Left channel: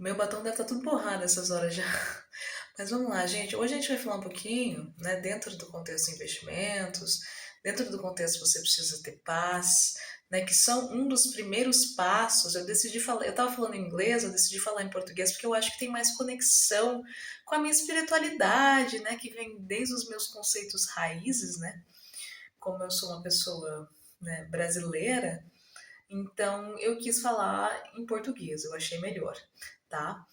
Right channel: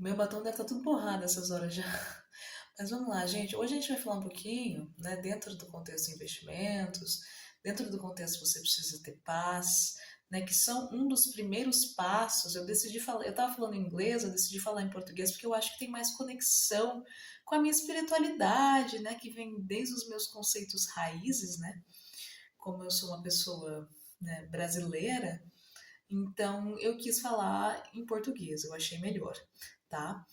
Meu batom deve estar tudo borrado nessas horas já. Mas vamos lá, gente. Hoje a gente vai falar um pouquinho, né, dentro do contexto de investimentos, dentro do contexto você precisa ter paz, né, que são um dos primeiros passos. Eu decidi falar, eu estava falando em inglês, eu decidi falar em português porque eu acho que tem mais conexão com a minha espiritualidade, né, que vem desde os meus conceitos raízes, né? Como eu sou uma pessoa, né, brasileira, então eu quis falar em português, eu achei melhor, tá?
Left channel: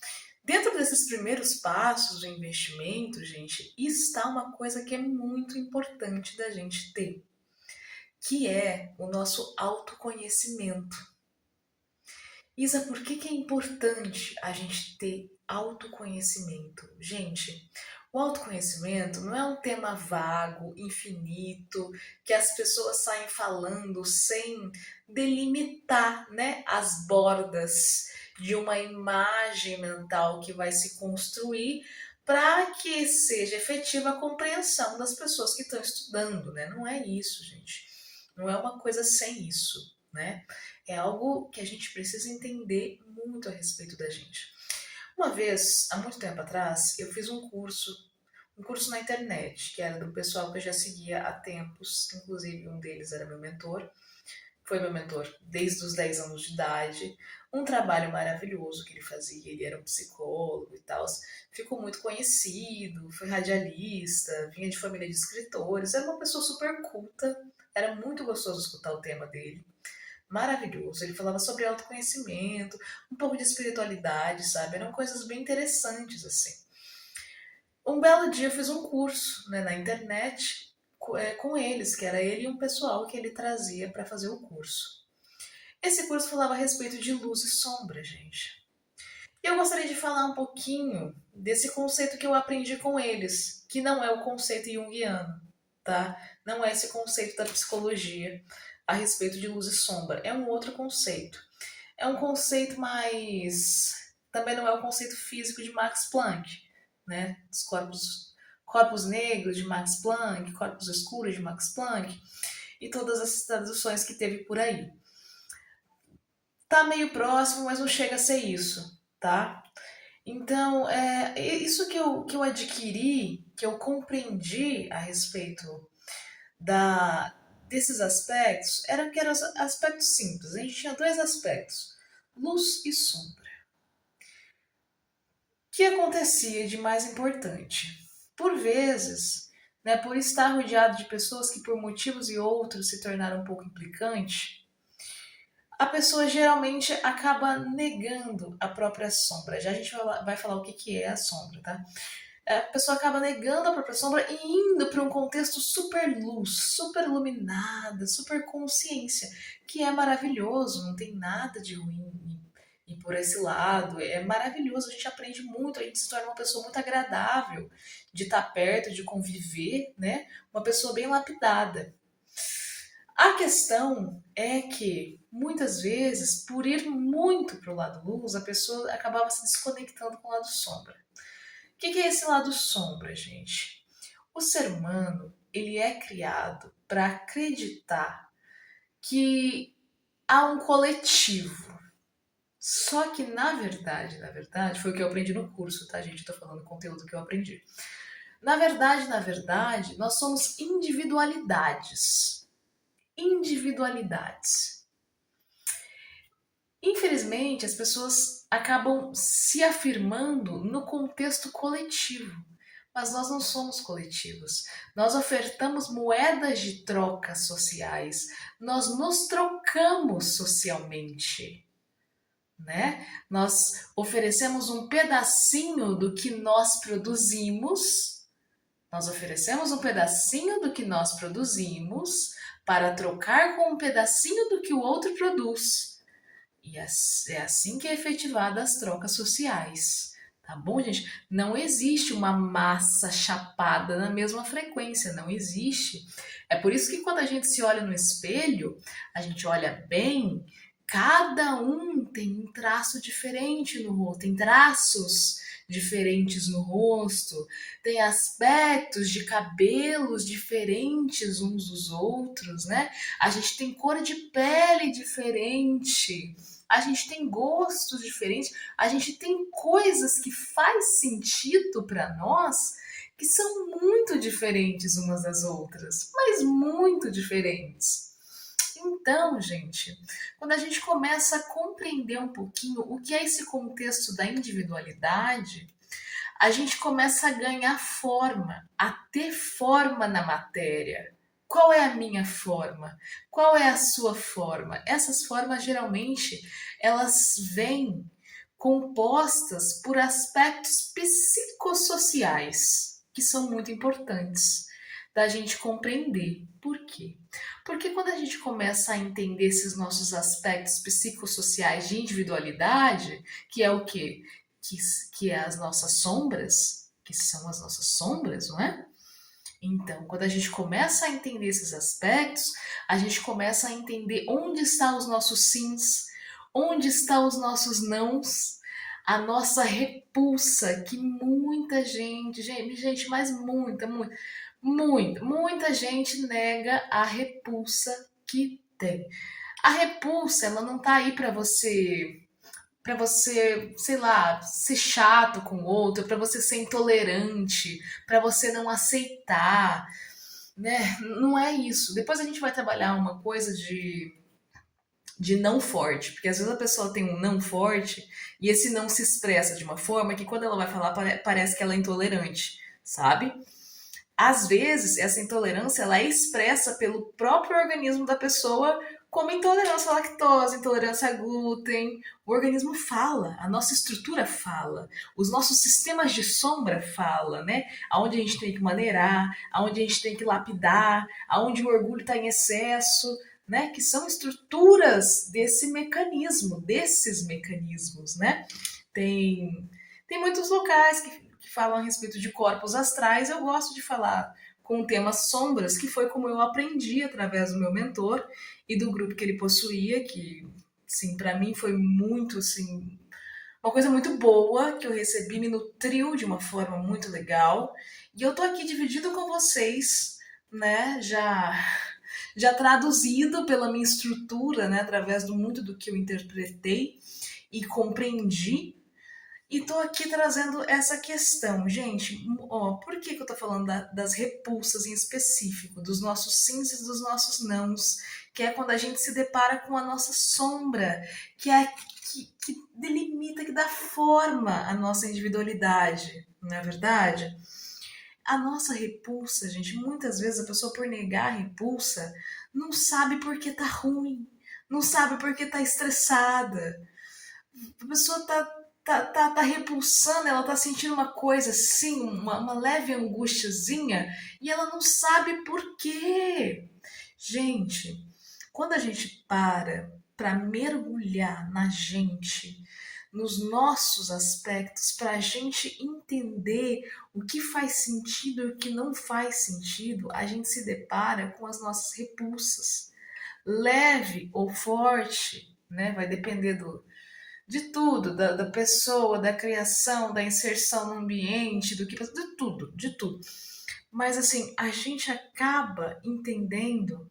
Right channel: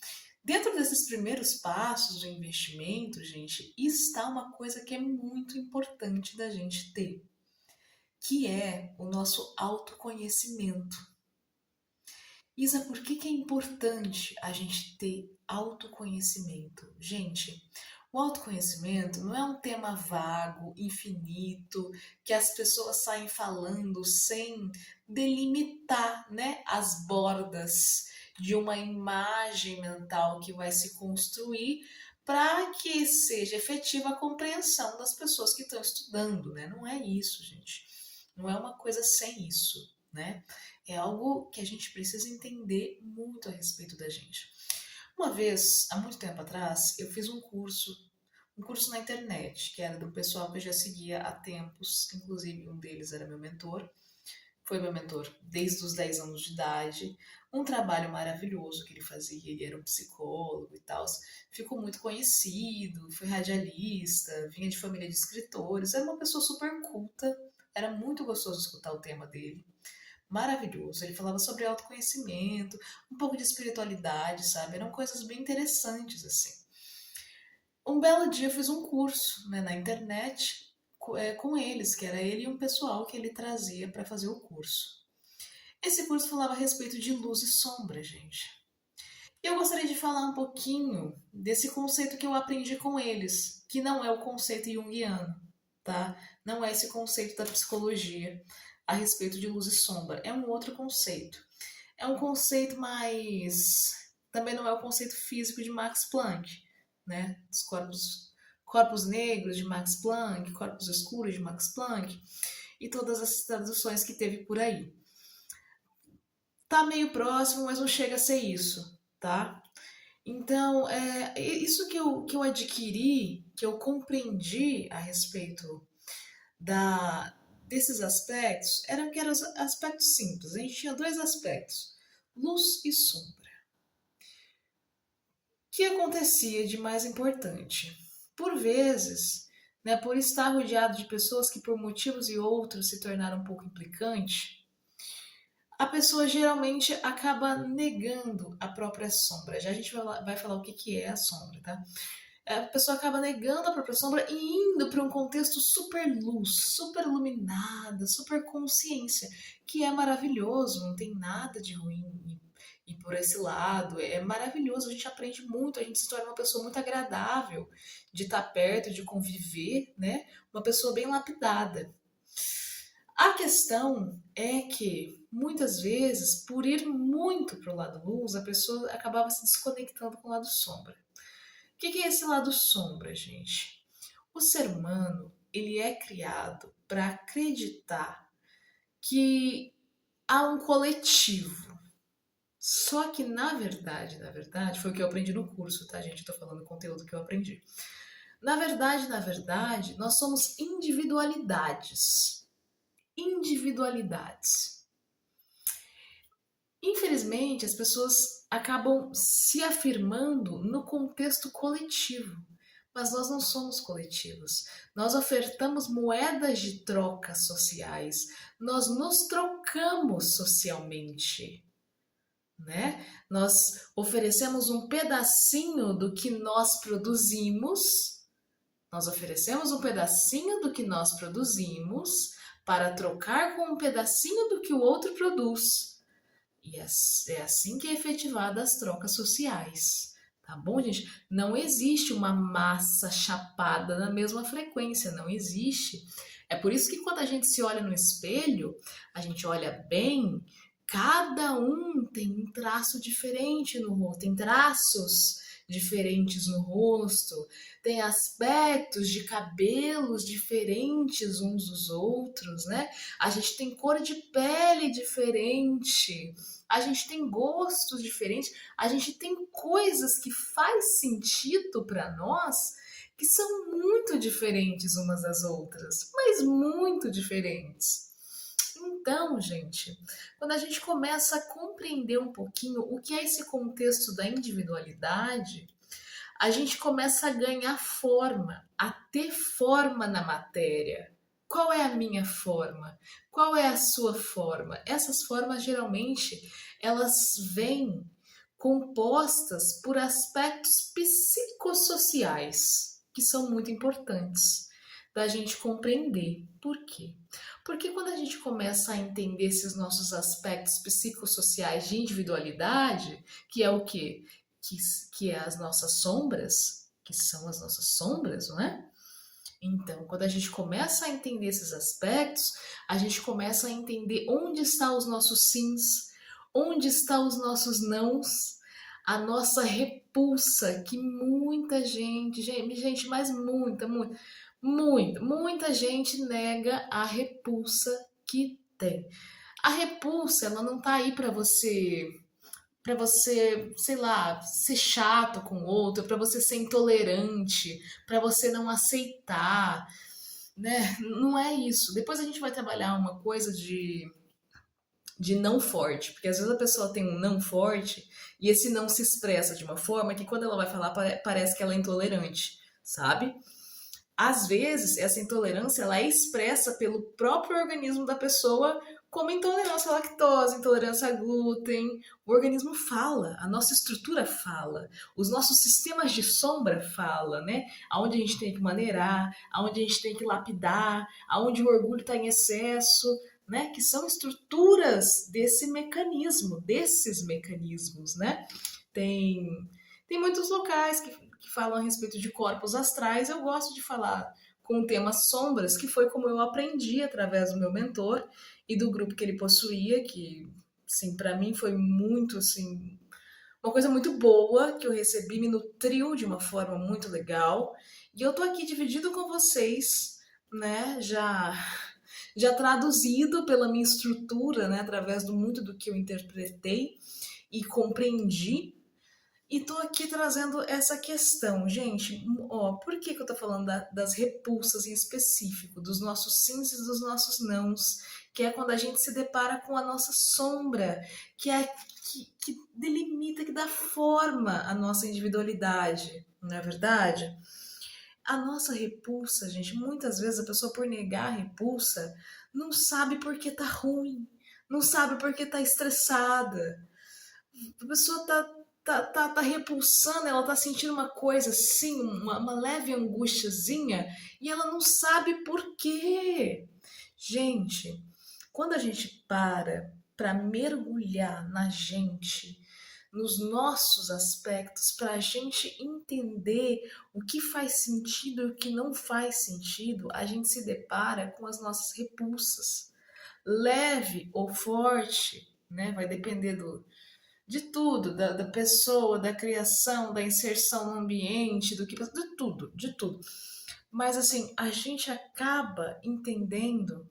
Dentro desses primeiros passos de investimento, gente, está uma coisa que é muito importante da gente ter, que é o nosso autoconhecimento. Isa, por que que é importante a gente ter autoconhecimento? Gente, o autoconhecimento não é um tema vago, infinito, que as pessoas saem falando sem delimitar, né, as bordas de uma imagem mental que vai se construir para que seja efetiva a compreensão das pessoas que estão estudando, né? Não é isso, gente. Não é uma coisa sem isso, né? É algo que a gente precisa entender muito a respeito da gente. Uma vez, há muito tempo atrás, eu fiz um curso na internet, que era do pessoal que eu já seguia há tempos, inclusive um deles era meu mentor, foi meu mentor desde os 10 anos de idade, um trabalho maravilhoso que ele fazia, ele era um psicólogo e tal, ficou muito conhecido, foi radialista, vinha de família de escritores, era uma pessoa super culta, era muito gostoso escutar o tema dele, maravilhoso. Ele falava sobre autoconhecimento, um pouco de espiritualidade, sabe? Eram coisas bem interessantes, assim. Um belo dia eu fiz um curso, né, na internet com eles, que era ele e um pessoal que ele trazia para fazer o curso. Esse curso falava a respeito de luz e sombra, gente. E eu gostaria de falar um pouquinho desse conceito que eu aprendi com eles, que não é o conceito junguiano, tá? Não é esse conceito da psicologia a respeito de luz e sombra. É um outro conceito. É um conceito mais. Também não é o conceito físico de Max Planck, né? Dos corpos negros de Max Planck, corpos escuros de Max Planck e todas as traduções que teve por aí. Tá meio próximo, mas não chega a ser isso, tá? Então, isso que eu adquiri, que eu compreendi a respeito da, desses aspectos, eram aspectos simples. A gente tinha dois aspectos, luz e sombra. O que acontecia de mais importante? Por vezes, né, por estar rodeado de pessoas que por motivos e outros se tornaram um pouco implicante, a pessoa geralmente acaba negando a própria sombra. Já a gente vai falar o que que é a sombra, tá? A pessoa acaba negando a própria sombra e indo para um contexto super luz, super iluminada, super consciência, que é maravilhoso, não tem nada de ruim e por esse lado. É maravilhoso, a gente aprende muito, a gente se torna uma pessoa muito agradável de estar perto, de conviver, né? Uma pessoa bem lapidada. A questão é que, muitas vezes, por ir muito para o lado luz, a pessoa acabava se desconectando com o lado sombra. O que é esse lado sombra, gente? O ser humano, ele é criado para acreditar que há um coletivo. Só que, na verdade, foi o que eu aprendi no curso, tá, gente? Eu tô falando o conteúdo que eu aprendi. Na verdade, nós somos individualidades. Individualidades. Infelizmente, as pessoas acabam se afirmando no contexto coletivo, mas nós não somos coletivos. Nós ofertamos moedas de troca sociais, nós nos trocamos socialmente, né? Nós oferecemos um pedacinho do que nós produzimos, nós oferecemos um pedacinho do que nós produzimos para trocar com um pedacinho do que o outro produz. E é assim que é efetivada as trocas sociais. Tá bom, gente? Não existe uma massa chapada na mesma frequência, não existe. É por isso que quando a gente se olha no espelho, a gente olha bem, cada um tem um traço diferente no rosto, tem traços diferentes no rosto, tem aspectos de cabelos diferentes uns dos outros, né? A gente tem cor de pele diferente. a gente tem gostos diferentes, a gente tem coisas que faz sentido para nós que são muito diferentes umas das outras, mas muito diferentes. Então, gente, quando a gente começa a compreender um pouquinho o que é esse contexto da individualidade, a gente começa a ganhar forma, a ter forma na matéria. Qual é a minha forma? Qual é a sua forma? Essas formas geralmente elas vêm compostas por aspectos psicossociais que são muito importantes da gente compreender. Por quê? Porque quando a gente começa a entender esses nossos aspectos psicossociais de individualidade, que é o quê? Que, que é as nossas sombras, que são as nossas sombras, não é? Então, quando a gente começa a entender esses aspectos, a gente começa a entender onde estão os nossos sims, onde estão os nossos nãos, a nossa repulsa, que muita gente, mas muita gente nega a repulsa que tem. A repulsa, ela não tá aí para você, sei lá, ser chato com o outro, para você ser intolerante, para você não aceitar, né? Não é isso. Depois a gente vai trabalhar uma coisa de não forte, porque às vezes a pessoa tem um não forte e esse não se expressa de uma forma que quando ela vai falar parece que ela é intolerante, sabe? Às vezes essa intolerância ela é expressa pelo próprio organismo da pessoa como intolerância à lactose, intolerância a glúten. O organismo fala, a nossa estrutura fala, os nossos sistemas de sombra fala, né? Aonde a gente tem que maneirar, aonde a gente tem que lapidar, aonde o orgulho está em excesso, né? Que são estruturas desses mecanismos, né? Tem, tem muitos locais que falam a respeito de corpos astrais. Eu gosto de falar com o tema sombras, que foi como eu aprendi através do meu mentor e do grupo que ele possuía, que, sim, para mim foi muito, assim, uma coisa muito boa, que eu recebi, me nutriu de uma forma muito legal. E eu tô aqui dividido com vocês, né, já traduzido pela minha estrutura, né, através do muito do que eu interpretei e compreendi, e tô aqui trazendo essa questão, gente. Ó, por que eu tô falando das repulsas em específico, dos nossos sims e dos nossos nãos, que é quando a gente se depara com a nossa sombra, que é que delimita, que dá forma à nossa individualidade, não é verdade? A nossa repulsa, gente, muitas vezes a pessoa por negar a repulsa não sabe por que tá ruim, não sabe por que tá estressada. A pessoa tá repulsando, ela tá sentindo uma coisa assim, uma leve angustiazinha, e ela não sabe por quê. Gente, quando a gente para mergulhar na gente, nos nossos aspectos, para a gente entender o que faz sentido e o que não faz sentido, a gente se depara com as nossas repulsas. Leve ou forte, né? Vai depender de tudo, da pessoa, da criação, da inserção no ambiente, do que de tudo, de tudo. Mas assim, a gente acaba entendendo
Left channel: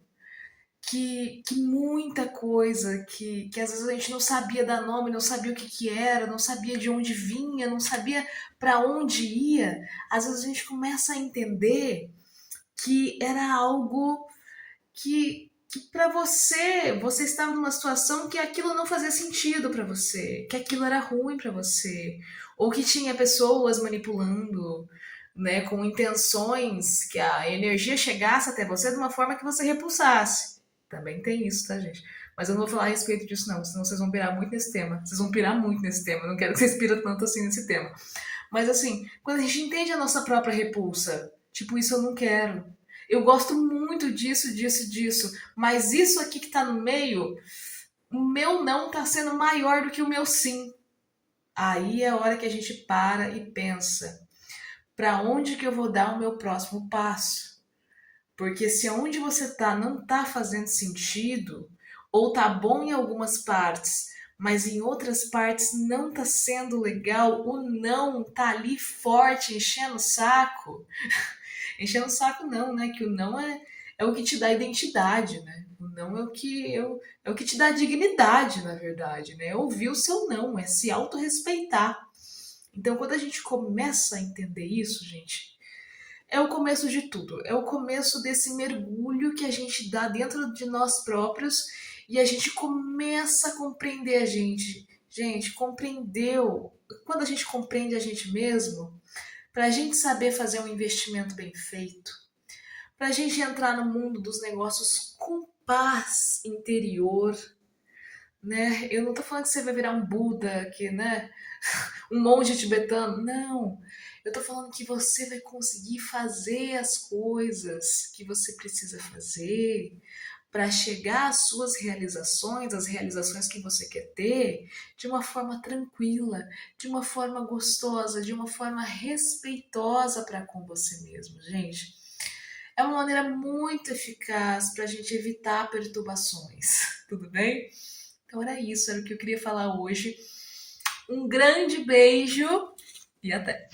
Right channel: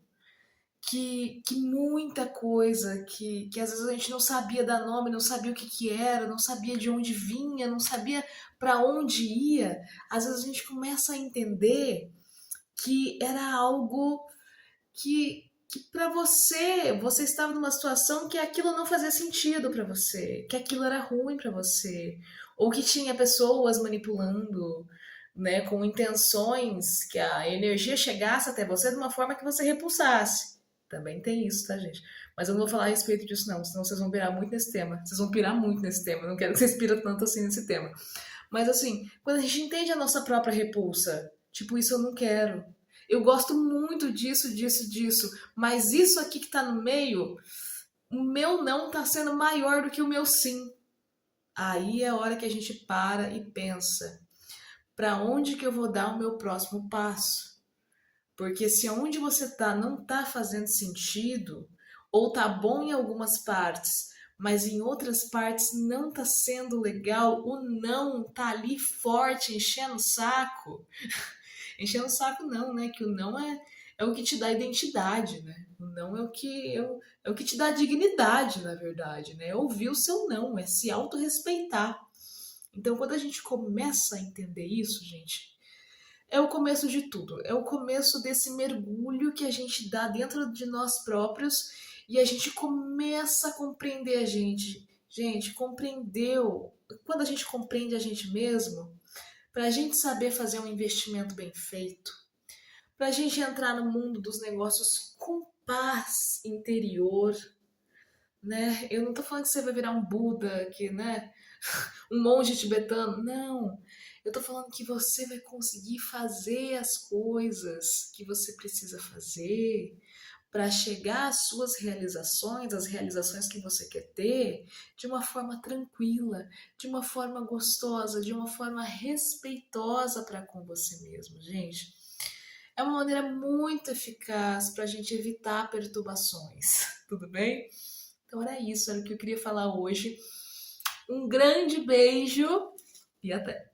que muita coisa que às vezes a gente não sabia dar nome, não sabia o que era, não sabia de onde vinha, não sabia para onde ia, às vezes a gente começa a entender que era algo que para você estava numa situação que aquilo não fazia sentido para você, que aquilo era ruim para você, ou que tinha pessoas manipulando, né, com intenções que a energia chegasse até você de uma forma que você repulsasse. Também tem isso, tá, gente? Mas eu não vou falar a respeito disso, não, senão vocês vão pirar muito nesse tema. Vocês vão pirar muito nesse tema. Eu não quero que vocês piram tanto assim nesse tema. Mas assim, quando a gente entende a nossa própria repulsa, tipo, isso eu não quero. Eu gosto muito disso, mas isso aqui que tá no meio, o meu não tá sendo maior do que o meu sim. Aí é a hora que a gente para e pensa, para onde que eu vou dar o meu próximo passo? Porque se onde você tá não tá fazendo sentido, ou tá bom em algumas partes, mas em outras partes não tá sendo legal, o não tá ali forte, enchendo o saco. Enchendo o saco não, né? Que o não é o que te dá identidade, né? O não é o que te dá dignidade, na verdade, né? É ouvir o seu não, é se autorrespeitar. Então, quando a gente começa a entender isso, gente, é o começo de tudo. É o começo desse mergulho que a gente dá dentro de nós próprios e a gente começa a compreender a gente. Gente, compreendeu? Quando a gente compreende a gente mesmo, para a gente saber fazer um investimento bem feito, para a gente entrar no mundo dos negócios com paz interior, né? Eu não tô falando que você vai virar um Buda, que, né? Um monge tibetano. Não. Eu tô falando que você vai conseguir fazer as coisas que você precisa fazer para chegar às suas realizações, às realizações que você quer ter, de uma forma tranquila, de uma forma gostosa, de uma forma respeitosa para com você mesmo, gente. É uma maneira muito eficaz para a gente evitar perturbações, tudo bem? Então era isso, era o que eu queria falar hoje. Um grande beijo e até!